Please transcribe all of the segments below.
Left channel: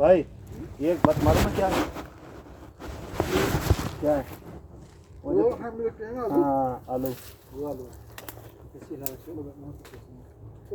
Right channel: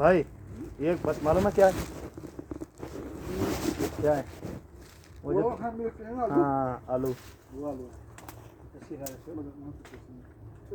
भाई ये बात मालूम है क्या है क्या है वो हम लोग के हैं आलू हाँ आलू वो आलू ऐसी है शो लगा ना तो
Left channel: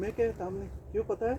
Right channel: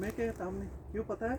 मैं क्या सामने क्यों पता है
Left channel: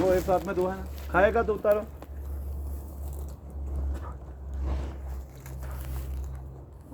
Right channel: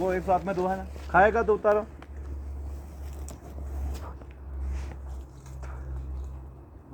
वो एक साथ में दो है ना खाएगा तो उतारो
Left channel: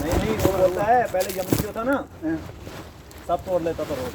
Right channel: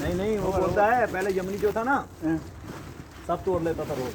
नहीं नहीं वो बोलता है पहले यमन जो था ना सब तोड़ लेता था रोज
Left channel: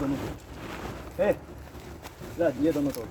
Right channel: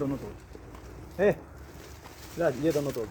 दोनों तोड़ ए राज ये दोनों तोड़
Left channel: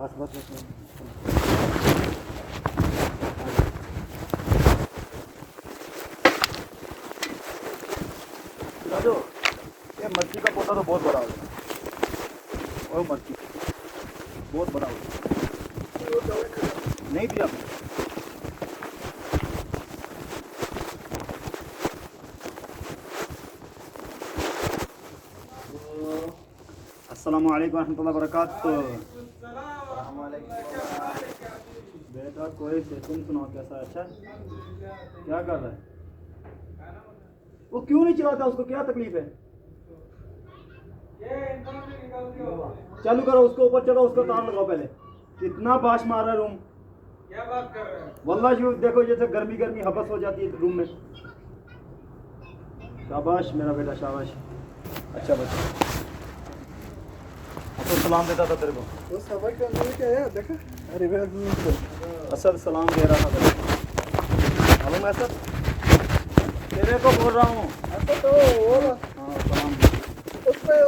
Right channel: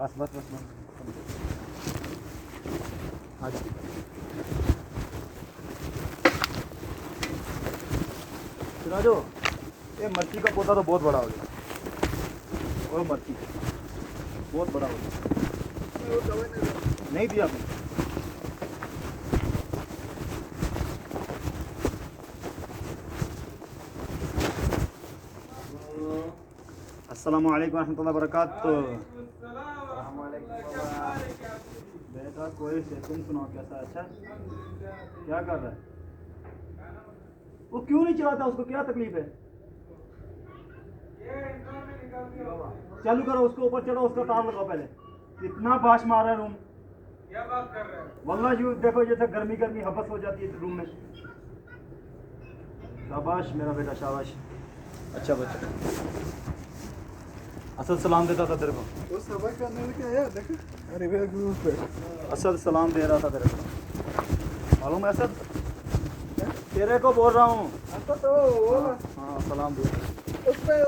बस बस राजू ये मच्छी का पौधा तो बहुत बड़ा हो गया ओ मच्छी बहुत बड़ा हो गया नहीं दिया आपने अस्सलाम वालेकुम रहमतुल्लाहि वबरकातुहू बेटा कोई से तुम सुनाओ कैसा अच्छा क्या कर रहा है वो क्यों नहीं चलाता उसको क्या तकलीफ है चालू करो उसको ऊपर चढ़ो उसका तार लगाओ पहले कितना बाश मारा रूम क्या बात कर रहे हैं वल्लाह जी देखो जैसे गर्मी गर्मी हबस हो जाती है रूम में शाबाश मेरा बेटा शाबाश अच्छा बस तो सलाम देता था तेरे को वो सबक करने में क्या है देखो अरे वे असद सलाम दे रहा था तेरे को मालूम है असद तेरे को बोल रहा हूँ तो वो हाँ सलाम दे उसमें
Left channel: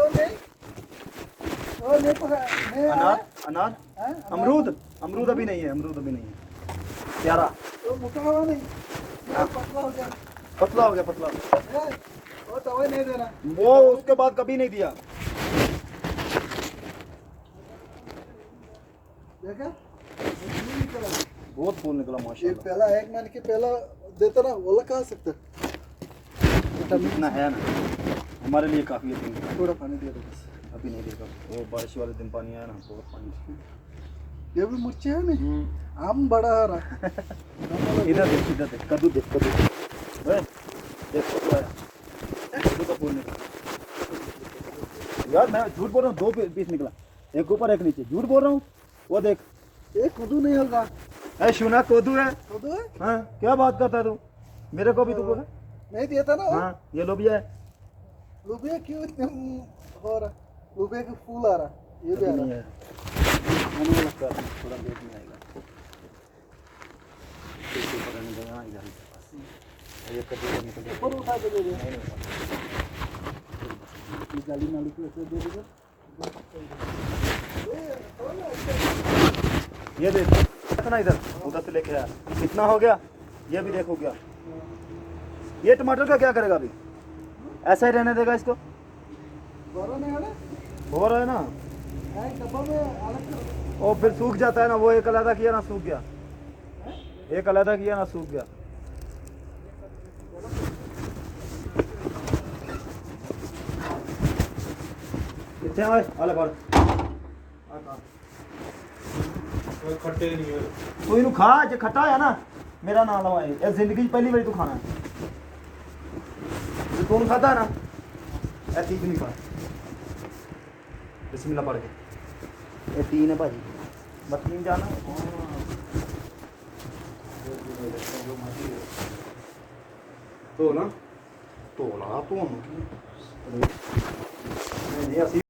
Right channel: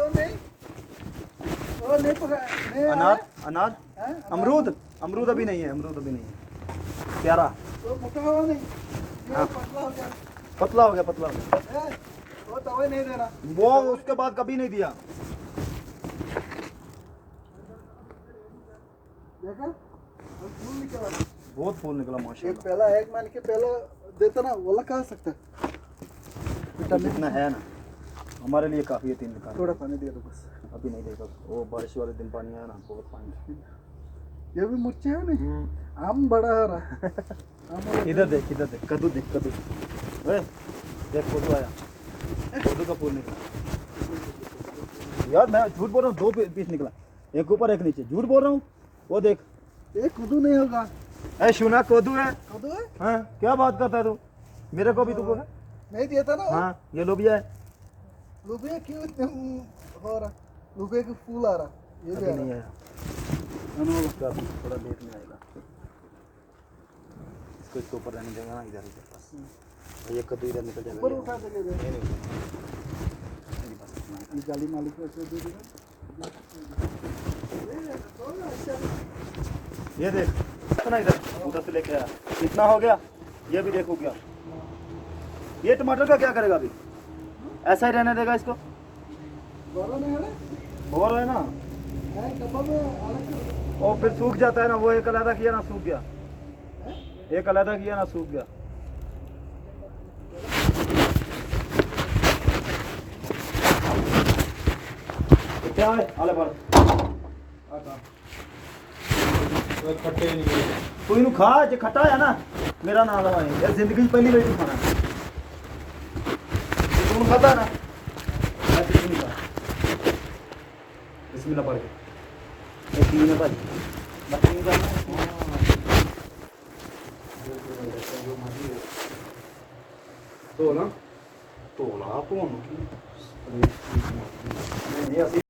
वो नहीं पता नहीं आया अनार अनार हैं? अमरूद अमरूद अभी नहीं है अमरूद अभी नहीं है प्यारा वो मोटा हुआ नहीं ये पतला हो गया पतला हो गया पतला हो गया है, वो दवाई नहीं देना वो उसके बाद कभी नहीं दिया देखा वो क्यों निकला बहुत फूल निकला ये माशाल्लाह पहला एक महीने के पहला देता ना वो खा सकते इतना है ना हमारे लिए काफ़ी है 3 दिन थोड़ा पानी दे दो बस अभी नहीं देगा वो बारिश वाले दिन पानी आया ना थोड़ा पानी ये भी मुर्चे है नहीं आम बड़ा आ रहा इधर देख कद्दू देख कद्दू ओए, देख कद्दू आया दो का फूल निकला यार, मैं झूठ बोल रहा हूँ, 2 पीस निकला, एक ऊपर एक नीचे, झूठ बोल रहा हूँ। वो देख, ये कद्दू नहीं होगा। ऐ शुना कद्दू है। कद्दू है? हाँ, क्या बात करता है तू, मेरे को भी तुमको है। नहीं दिया था ना। हाँ, ये लोबिया है। लुबिया क्यों हो रहा? लुबिया के फूल आ रहा, ये भी अभी आ नहीं रहा। है, मैंने उसका थोड़ा देर में आएगा। इसके ऊपर रहने देना, इधर ही। ये कद्दू इधर निकल जाएगा। ऊपर उठा के दे दे। नहीं, नहीं, ये जाली मालिक को ऐसे दे देगा। ये देख ना, इधर उधर से लेके आया, कितना हो गया, ये भी देखो क्या। ये टमाटर का क्या करेगा अभी, ऐसा ही रहने देगा इसको। बड़ा नहीं है ना? हो रहा है ना, हाँ, डब्बा में अलग। वो फिर सूख जाता है ना, वो एक अलहदा किया ना सूख गया, एक अलहदा किया ना सूख गया। क्या है आला पर कोई खट्टे नहीं है। तू इन्हें खा, जो खट्टा है ना, मेरा नाम लवाए यार, जिंदगी पहली बार तू खाना, तू खाता है ना, ऐसे ही नहीं खा। बिस्मिल्लाह पढ़ के, एक ही ना भाजी मत जाना। तो ना, तो ना, तो